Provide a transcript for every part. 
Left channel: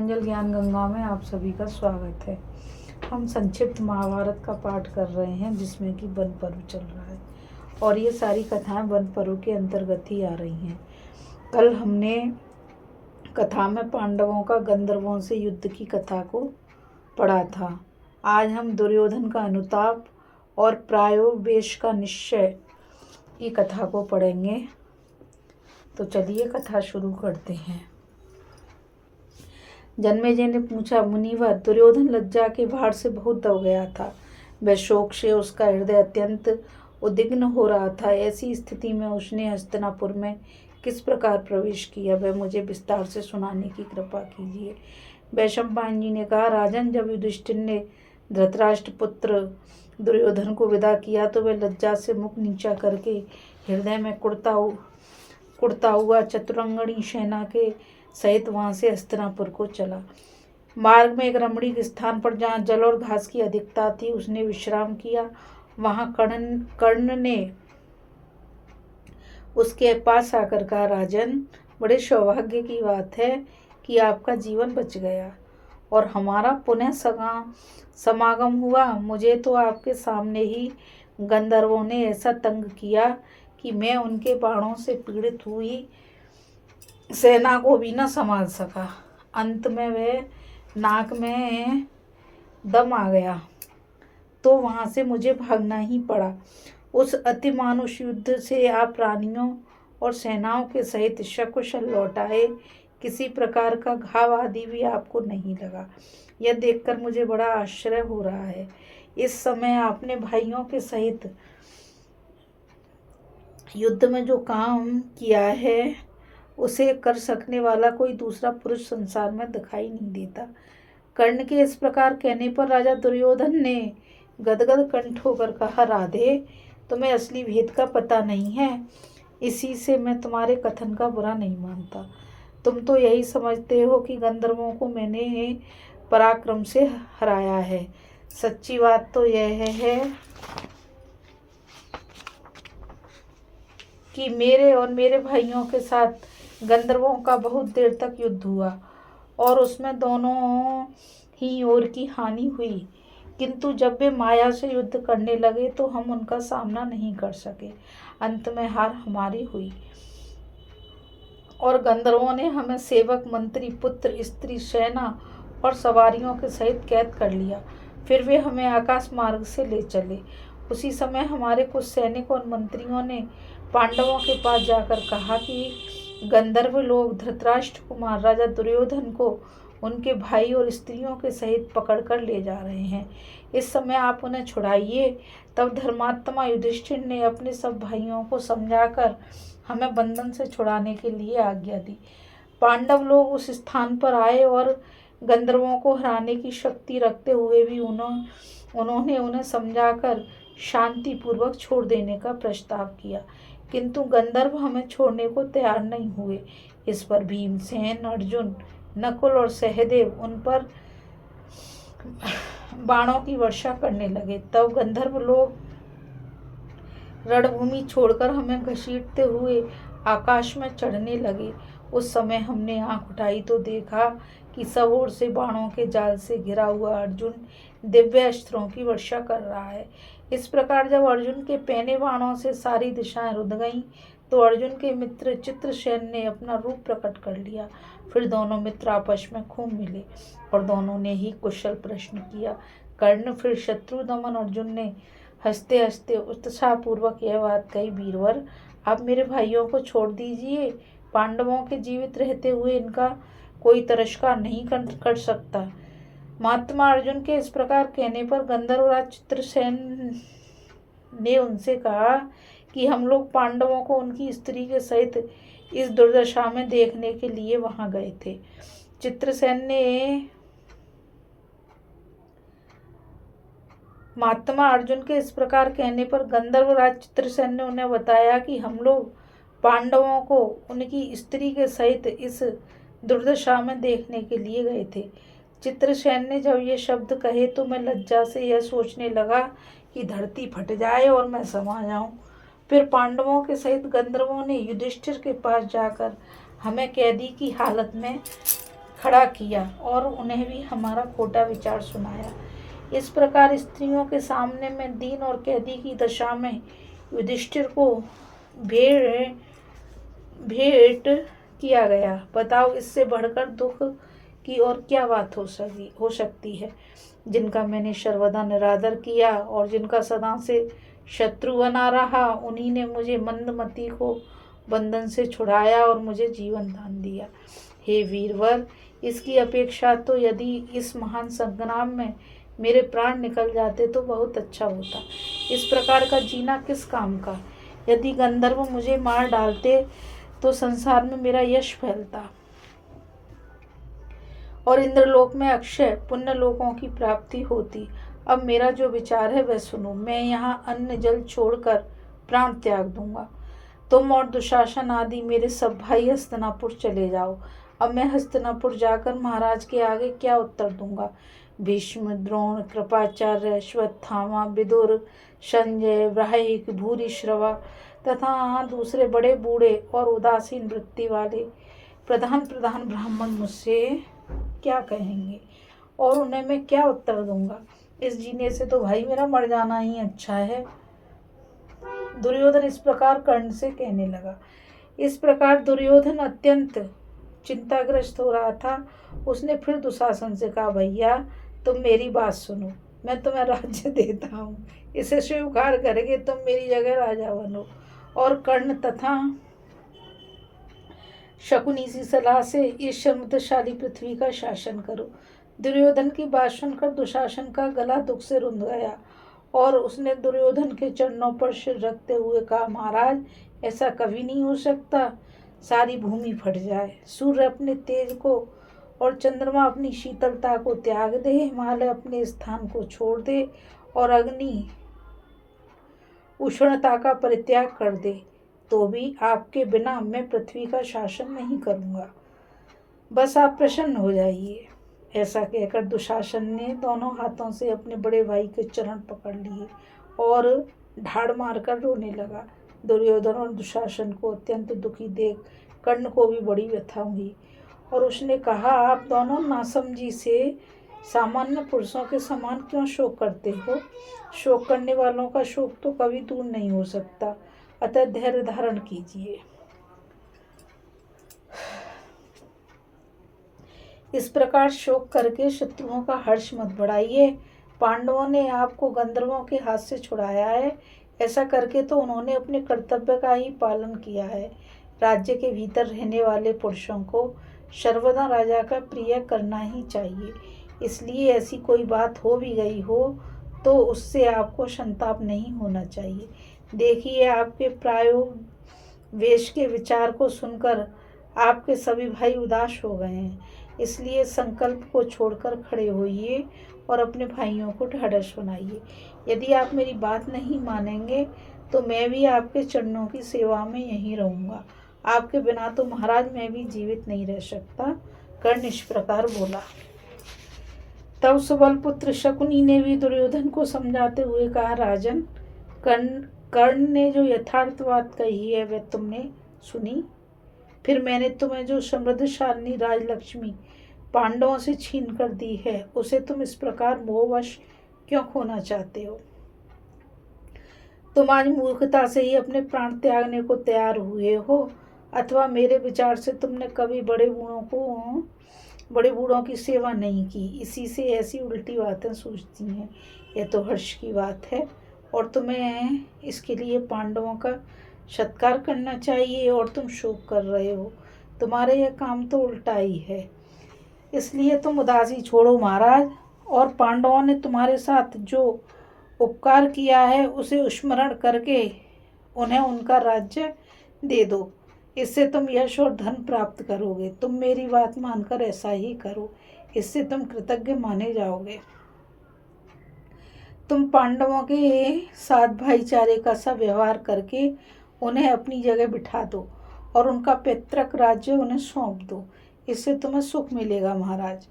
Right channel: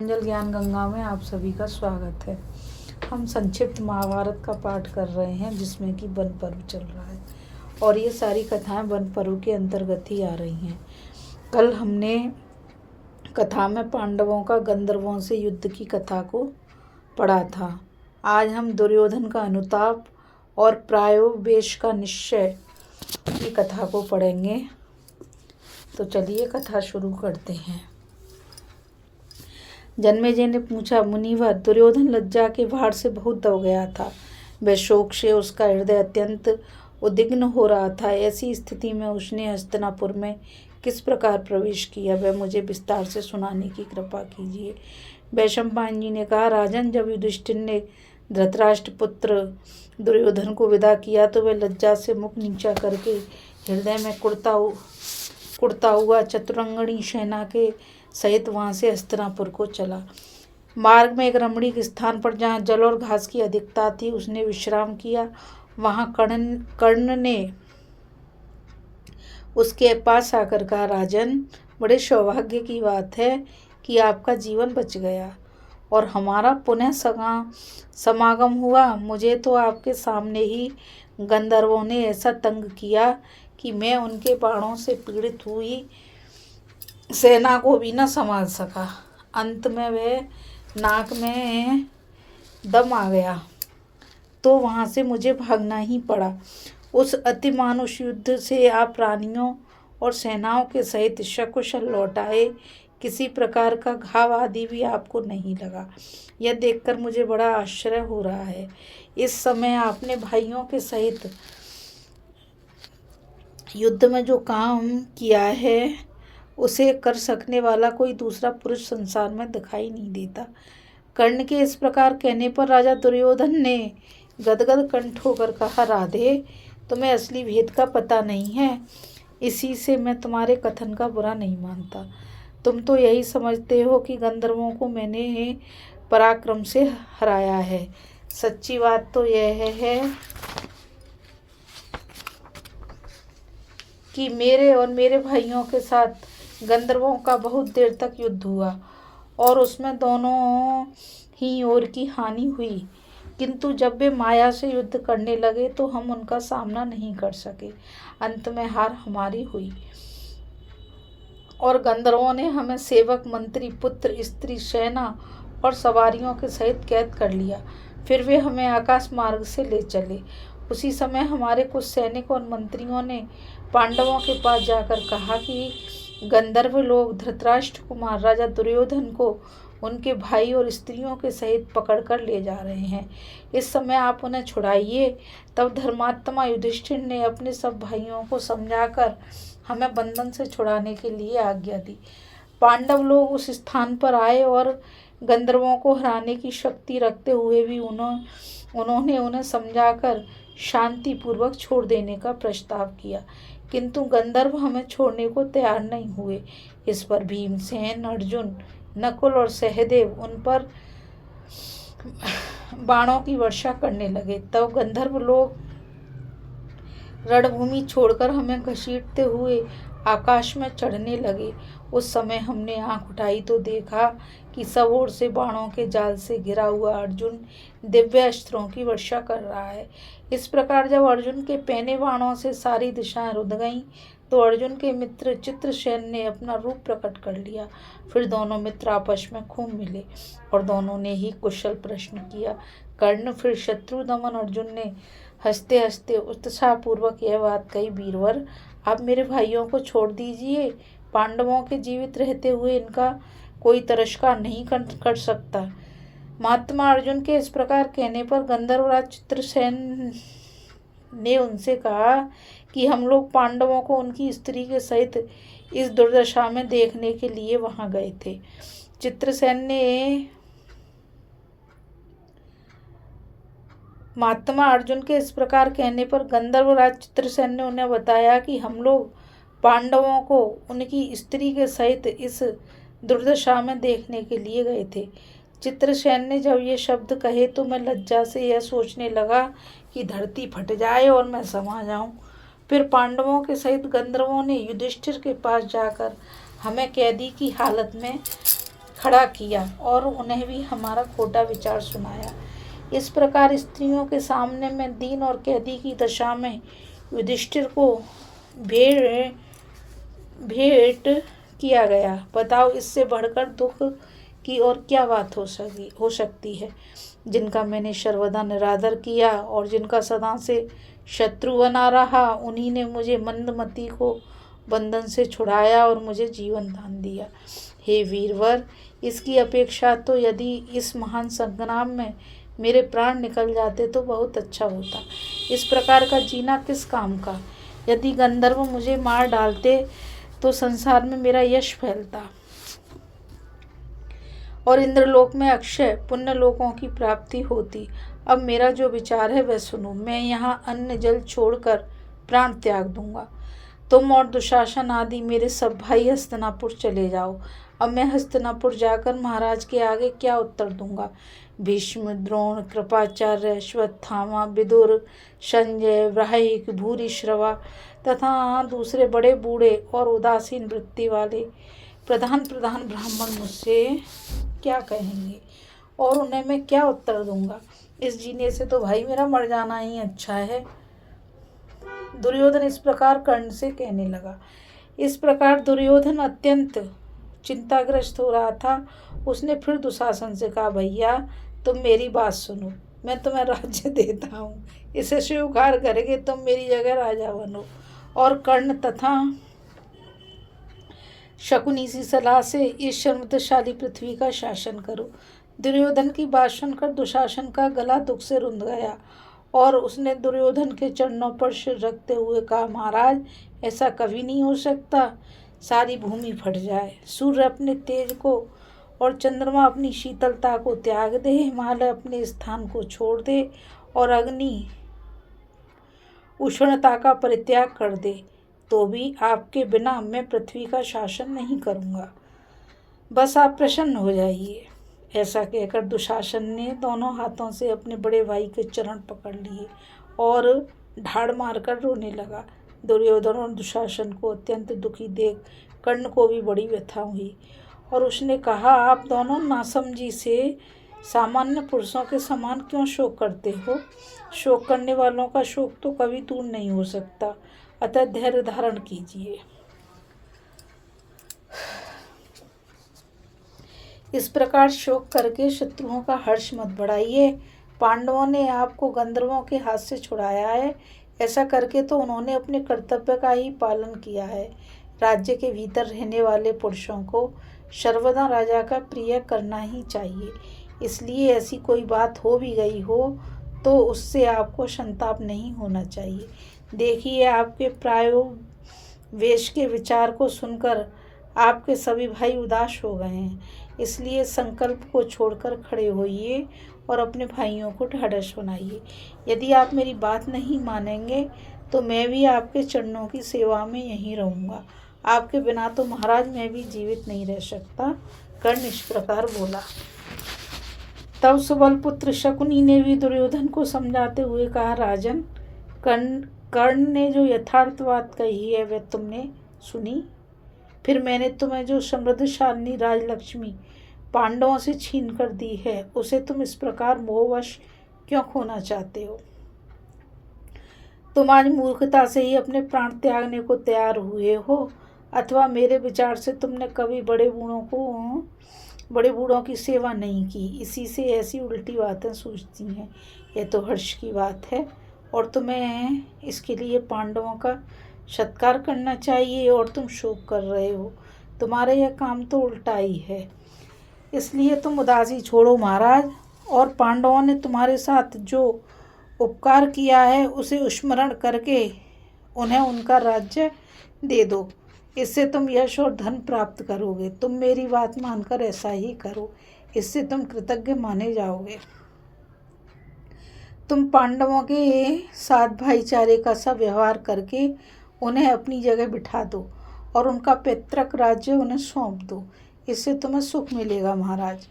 अंजल ज्ञान गंगा में आप सभी का स्वागत है। हम संक्षिप्त महाभारत का पाठ कर रहे हैं जिसमें कि वन पर्व चल रहा है और ये सारी कथाएं वन पर्व के अंतर्गत ही आ रही हैं। कल हमने कथा में पांडवों का गंधर्वों से युद्ध की कथा को पढ़ा था। आज हम दुर्योधन का अनुताप और प्रायोवेश का निश्चय की कथा को पढ़ेंगे। तो चलिए कथा शुरू करते हैं। जन्मेजय ने पूछा, मुनिवर, दुर्योधन लज्जा के भार से बहुत दब गया था। वह शोक से उसका हृदय अत्यंत उद्विग्न हो रहा था। ऐसी स्थिति में उसने हस्तिनापुर में किस प्रकार प्रवेश किया, वह मुझे विस्तार से सुनाने की कृपा कीजिए। वैशंपायन जी ने कहा, राजन, जब युधिष्ठिर ने धृतराष्ट्र पुत्र दुर्योधन को विदा किया तो वह लज्जा से मुख नीचा करके हृदय में कुड़ता हुआ चतुरंगणी सेना के सहित वहां से हस्तिनापुर को चला। मार्ग में एक रमणीक स्थान पर जहाँ जल और घास की अधिकता थी उसने विश्राम किया। वहां कर्ण ने उसके पास आकर कहा, राजन, बड़े सौभाग्य की बात है कि आपका जीवन बच गया और हमारा पुनः समागम हुआ। मुझे तो आपके सामने ही गंधर्वों ने ऐसा तंग किया कि मैं उनके बाणों से पीड़ित हुई सेना को भी न संभाल सका। अंत में वह नाक में दम आ गया तो वहां से मुझे भागना ही पड़ा। उस अति मानुष युद्ध से आप प्राणियों और सेनाओं के सहित सकुशल लौट आए। किसी प्रकार का घाव आदि भी आपको नहीं लगा। यह देखकर मुझे बड़ा आश्चर्य हो रहा है। इस समय आपने भाइयों के सहित युद्ध में जो काम किया है उसे कर सकने वाला कोई दूसरा पुरुष संसार में दिखाई नहीं देता। कर्ण के इस प्रकार कहने पर राजा दुर्योधन ने गदगद कंठ होकर कहा, राधे, तुम्हें असली भेद का पता नहीं है। इसी से मैं तुम्हारे कथन का बुरा नहीं मानता। तुम तो यही समझते हो कि गंधर्वों को मैंने पराक्रम से हराया है। सच्ची बात तो यह है कि मेरे और मेरे भाइयों के साथ गंधर्वों का बहुत देर तक युद्ध हुआ और उसमें दोनों ही ओर की हानि हुई, किंतु जब वे माया से युद्ध करने लगे तो हम उनका सामना नहीं कर सके। अंत में हार हमारी हुई और गंधर्वों ने हमें सेवक, मंत्री, पुत्र, स्त्री, सेना और सवारियों के सहित कैद कर लिया। फिर वे हमें आकाश मार्ग से ले चले। उसी समय हमारे कुछ सैनिक और मंत्रियों ने पांडवों के पास जाकर कहा कि गंधर्व लोग धृतराष्ट्र कुमार राजा दुर्योधन को उनके भाई और स्त्रियों के सहित पकड़कर ले जा रहे हैं। इस समय आप उन्हें छुड़ाइए। तब धर्मात्मा युधिष्ठिर ने अपने सब भाइयों को समझाकर हमें बंधन से छुड़ाने के लिए आज्ञा दी। पांडव लोग उस स्थान पर आए और गंधर्वों को हराने की शक्ति रखते हुए भी उन्होंने उन्हें समझाकर शांति पूर्वक छोड़ देने का प्रस्ताव किया, किंतु गंधर्व हमें छोड़ने को तैयार नहीं हुए। इस पर भीमसेन, अर्जुन, नकुल और सहदेव उन पर बाणों की वर्षा करने लगे। तब गंधर्व लोग रणभूमि छोड़कर हमें घसीटते हुए आकाश में चढ़ने लगे। उस समय हमने आंख उठाई तो देखा कि सब ओर से बाणों के जाल से घिरा हुआ अर्जुन दिव्य अस्त्रों की वर्षा कर रहा है। इस प्रकार जब अर्जुन के पैने बाणों से सारी दिशाएं रुध गईं तो अर्जुन के मित्र चित्रसेन ने अपना रूप प्रकट कर लिया। फिर दोनों मित्र आपस में खूब मिले और दोनों ने ही कुशल प्रश्न किया। कर्ण फिर शत्रु दमन अर्जुन ने हंसते हंसते उत्साहपूर्वक यह बात कही, वीरवर, आप मेरे भाइयों को छोड़ दीजिए। पांडवों के जीवित रहते हुए इनका कोई तिरस्कार नहीं कर सकता। महात्मा अर्जुन के इस प्रकार कहने पर गंधर्वराज चित्रसेन ने उनसे कहा कि हम लोग पांडवों को उनकी स्त्री के सहित इस दुर्दशा में देखने के लिए वहां गए थे। चित्रसेन ने महात्मा अर्जुन के इस प्रकार कहने पर गंधर्वराज चित्रसेन ने उन्हें बताया कि हम लोग पांडवों को उनकी स्त्री के सहित इस दुर्दशा में देखने के लिए गए थे। चित्रसेन ने जब ये शब्द कहे तो मैं लज्जा से यह सोचने लगा कि धरती फट जाए और मैं समा जाऊं। फिर पांडवों के सहित गंधर्वों ने युधिष्ठिर के पास जाकर हमें कैदी की हालत में खड़ा किया और उन्हें भी हमारा खोटा विचार सुनाया। इस प्रकार स्त्रियों के सामने मैं दीन और कैदी की दशा में युधिष्ठिर को भेंट भेंट किया गया। बताओ, इससे बढ़कर दुख की और क्या बात हो सकती है। जिनका मैंने सर्वदा निरादर किया और जिनका सदा से शत्रु बना रहा, उन्हीं ने मुझे मंदमती को बंधन से छुड़ाया और मुझे जीवन दान दिया। हे वीरवर, इसकी अपेक्षा तो यदि इस महान संग्राम में मेरे प्राण निकल जाते तो बहुत अच्छा होता। इस प्रकार का जीना किस काम का। यदि गंधर्व मुझे मार डालते तो संसार में मेरा यश फैलता और इंद्रलोक में अक्षय पुण्य लोकों की प्राप्ति होती। अब मेरा जो विचार है वह सुनो। मैं यहाँ अन्न जल छोड़कर प्राण त्याग दूंगा। तुम और दुशासन आदि मेरे सब भाई हस्तिनापुर चले जाओ। अब मैं हस्तिनापुर जाकर महाराज के आगे क्या उत्तर दूंगा। भीष्म, द्रोण, कृपाचार्य, अश्वत्थामा, विदुर, संजय, वृहयिक, भूरिश्रवा तथा दूसरे बड़े बूढ़े और उदासीन वृत्ति वाले प्रधान ब्राह्मण मुझसे क्या कहेंगे और उन्हें मैं क्या उत्तर दूंगा। इस जीने से तो भाई मेरा मर जाना ही अच्छा है। दुर्योधन इस प्रकार कर्ण से कहने लगा। इस प्रकार दुर्योधन अत्यंत चिंताग्रस्त हो रहा था। उसने फिर दुशासन से कहा, भैया तुम मेरी बात सुनो, मैं तुम्हें राज्य देता हूँ, इसे स्वीकार करके तुम मेरी जगह राजा बनो और कर्ण तथा शकुनी सी सलाह से इस समृद्धशाली पृथ्वी का शासन करो। दुर्योधन की बात सुनकर दुशासन का गला दुख से रुंध गया और उसने दुर्योधन के चरणों पर सिर रखते हुए कहा, महाराज ऐसा कभी नहीं हो सकता। सारी भूमि फट जाए, सूर्य अपने तेज को और चंद्रमा अपनी शीतलता को त्याग दे, हिमालय अपने स्थान को छोड़ दे और अग्नि उष्णता का परित्याग कर दे, तो भी आपके बिना मैं पृथ्वी का शासन नहीं करूँगा। बस आप प्रसन्न हो जाइए। ऐसा कहकर दुशासन ने दोनों हाथों से अपने बड़े भाई के चरण पकड़ लिए और ढाड़ मारकर रोने लगा। दुर्योधन और दुशासन को अत्यंत दुखी देख कर्ण को भी बड़ी व्यथा हुई और उसने कहा, आप दोनों नासमझी से सामान्य पुरुषों के समान क्यों शोक करते हो। शोक करने वालों का शोक तो कभी दूर नहीं हो सकता, अतः धैर्य धारण कीजिए। इस प्रकार शोक करके शत्रुओं का हर्ष मत बढ़ाइए। पांडवों ने आपको गंधर्वों के हाथ से छुड़ाया है। ऐसा करके तो उन्होंने अपने कर्तव्य का ही पालन किया है। राज्य के भीतर रहने वाले पुरुषों को सर्वदा राजा का प्रिय करना ही चाहिए। इसलिए ऐसी कोई बात हो भी गई हो तो उससे आपको संताप नहीं होना चाहिए। देखिए, आपके प्रायोवेश के विचार को सुनकर आपके सभी भाई उदास हो गए हैं। इसलिए संकल्प को छोड़कर खड़े होइए और अपने भाइयों को ढाढ़स बनाइए। यदि आप मेरी बात नहीं मानेंगे तो मैं भी आपके चरणों की सेवा में यहीं रहूँगा। आपके बिना तो महाराज मैं भी जीवित नहीं रह सकता। कर्ण इस प्रकार बोला। तब सुबल पुत्र शकुनी ने भी दुर्योधन को समझाते हुए कहा, राजन, कर्ण ने जो यथार्थ बात कही है वह तुमने सुनी। फिर मैंने तुम्हें जो समृद्धशालिनी राजलक्ष्मी पांडवों से छीन कर दी है उसे तुम इस प्रकार मोहवश क्यों खोना चाहते हो। तुम आज मूर्खता से ही अपने प्राण त्यागने को तैयार हुए हो, अथवा मेरे विचार से तुमने कभी बड़े बूढ़ों की सेवा नहीं की, इसी से ऐसी उल्टी बातें सोचती हैं। यह तो हर्ष की बात है और तुम्हें इसके लिए पांडवों का सत्कार करना चाहिए और तुम शोक कर रहे हो। तुम्हारा यह काम तो उल्टा ही है। इसलिए तुम उदासी छोड़ो महाराज, और पांडवों ने तुम्हारे साथ जो उपकार किया है उसे स्मरण करके उन्हें उनका राज्य दे दो। इससे तुम यश और धन प्राप्त करोगे। तुम मेरी बात मानकर ऐसा ही करो, इससे तुम कृतज्ञ माने जाओगे। तुम पांडवों के साथ भाईचारे का सा व्यवहार करके उन्हें अपनी जगह बिठा दो और उनका पैतृक राज्य उन्हें सौंप दो। इससे तुम्हें सुख मिलेगा महाराज।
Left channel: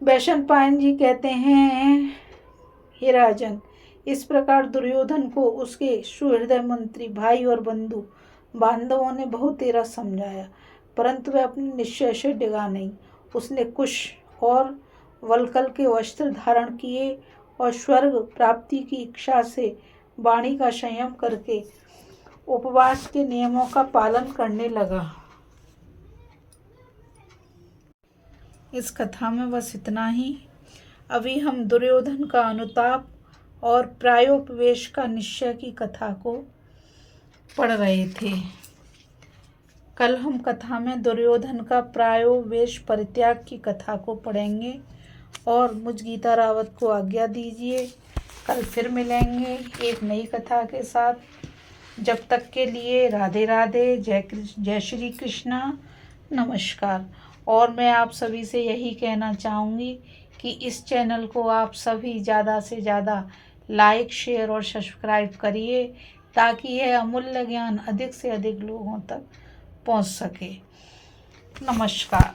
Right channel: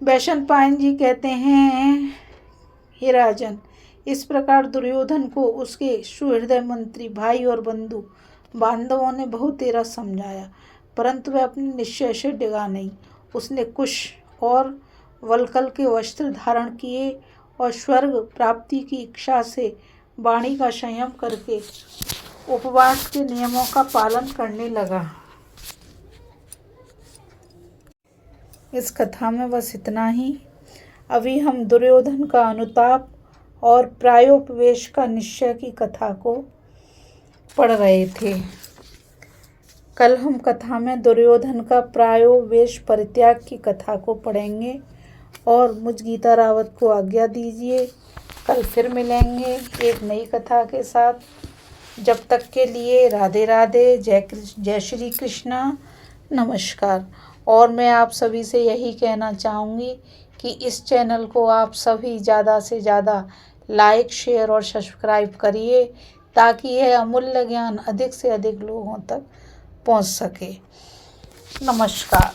वैशंपायन जी कहते हैं, हे राजन, इस प्रकार दुर्योधन को उसके सुहृदय मंत्री भाई और बंधु बांधवों ने बहुत तेरा समझाया, परंतु वह अपने निश्चय से डिगा नहीं। उसने कुश और वल्कल के वस्त्र धारण किए और स्वर्ग प्राप्ति की इच्छा से वाणी का संयम करके उपवास के नियमों का पालन करने लगा। इस कथा में बस इतना ही। अभी हम दुर्योधन का अनुताप और प्रायोपवेश का निश्चय की कथा को पढ़ रहे थे। कल हम कथा में दुर्योधन का प्रायोपवेश परित्याग की कथा को पढ़ेंगे। और मुझ गीता रावत को आज्ञा दीजिए, कल फिर मिलेंगे एक नई कथा के साथ। जब तक के लिए राधे राधे, जय श्री कृष्णा, नमस्कार। और मैं आप सभी से यही कहना चाहूँगी कि इस चैनल को आप सभी ज़्यादा से ज़्यादा लाइक, शेयर और सब्सक्राइब करिए ताकि यह अमूल्य ज्ञान अधिक से अधिक लोगों तक पहुँच सके। नमस्कार।